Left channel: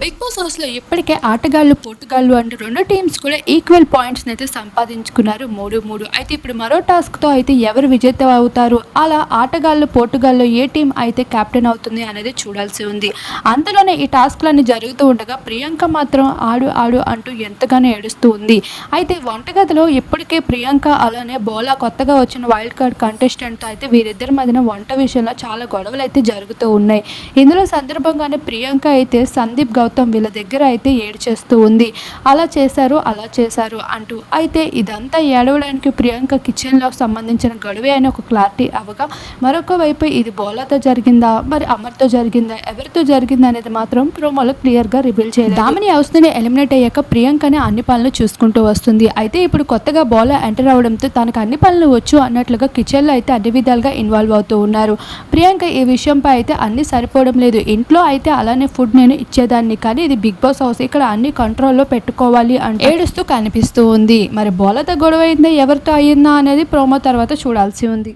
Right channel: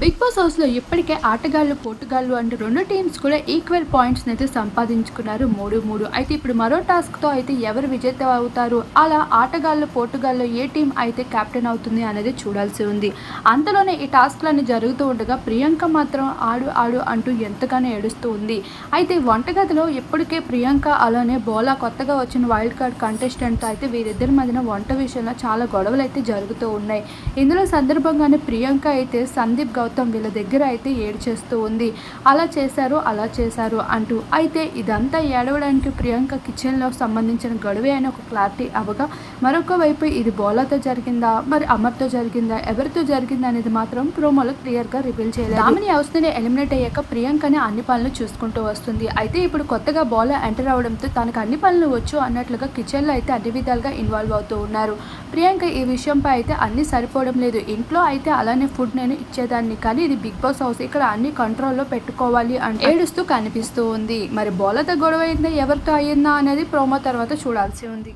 Big boss హౌస్లో ఇప్పటికే ఆటగాళ్ళు పోటుగాళ్ళు అంటూ రెండు టీమ్స్ కూడా ఈక్వల్ పాయింట్స్ అయితే సంపాదించుకున్నారు. మూడు మూడు. అయితే ఇప్పుడు మరో టాస్క్తో అయితే ఎవరు విజేత అవుతారు? అలా ఆటగాళ్ళు పోటుగాళ్ళు ఏ టీం అయితే కెప్టెన్ అవుతుంది అనేది చూడాల్సి ఉంది. అంతలోనే ఈ టాస్క్లన్నీ జరుగుతూ ఉండగా ప్రియాంక మాత్రం ఆడు ఆడు అంటూ ఎంతగానో ఏడుస్తూ ఉంది. అయితే వంటగదిలో ఇప్పటికే ప్రియాంక అలానే బోలా కొత్తగా వచ్చిన వైల్డ్ కార్డ్ కంటెస్టెంట్తో అయితే వీరిద్దరి మధ్యన వంట విషయంలో చాలా గొడవలు అయితే జరుగుతూ ఉన్నాయి. ఇందులో సందర్భంగానే ప్రియాంక అయితే సందీప్ గౌతమ్ వీళ్ళ దగ్గర అయితే ఏడు చేస్తూ ఉంది. అలా చేశారు అలా చేశారు అంటూ. అయితే ఇదంతా ఏడవడానికి ప్రియాంక కిచెన్లో సంబంధించిన గొడవే అని ఒక క్లారిటీ అవగా మరొక వైపు ఇది బోలాతో జరిగిందా? మరి అమర్తో జరిగిందా? ఎవరితో జరిగిందా? అనేది మాత్రం ప్రోమోలో క్లియర్గా రివీల్ చేయలేదు. దామిని హౌస్ని ఎలిమినేట్ అయ్యాక ప్రియాంకనే అన్ని పనులు చూసుకుంటూ వస్తుంది. అయితే ఇప్పుడు కొత్తగా బోలా ఎంటర్ అవడంతో తనకు అన్ని పనులు వచ్చు అన్నట్లుగా కిచెన్లో అయితే అన్ని విధాలుగా ఇన్వాల్వ్ అవుతూ ఉన్నారు. ప్రియాంక ఈ విషయంపై అయితే అన్ని సరిపోవడం లేదు. ఇంట్లో అయితే అలానే ఫుడ్ నేను ఇచ్చేదాన్ని. కానీ ఇది బిగ్ బాస్ హౌస్. ఇక్కడ అన్ని కంట్రోల్లో పెట్టుకోవాలి అంటే ఏడుస్తూ కనిపిస్తూ ఉంది. మరి బోలతో గొడవ అయిందా? ఎవరితో అయ్యిందా అనేది ప్రోమో తర్వాత చూడాల్సి ఉంది.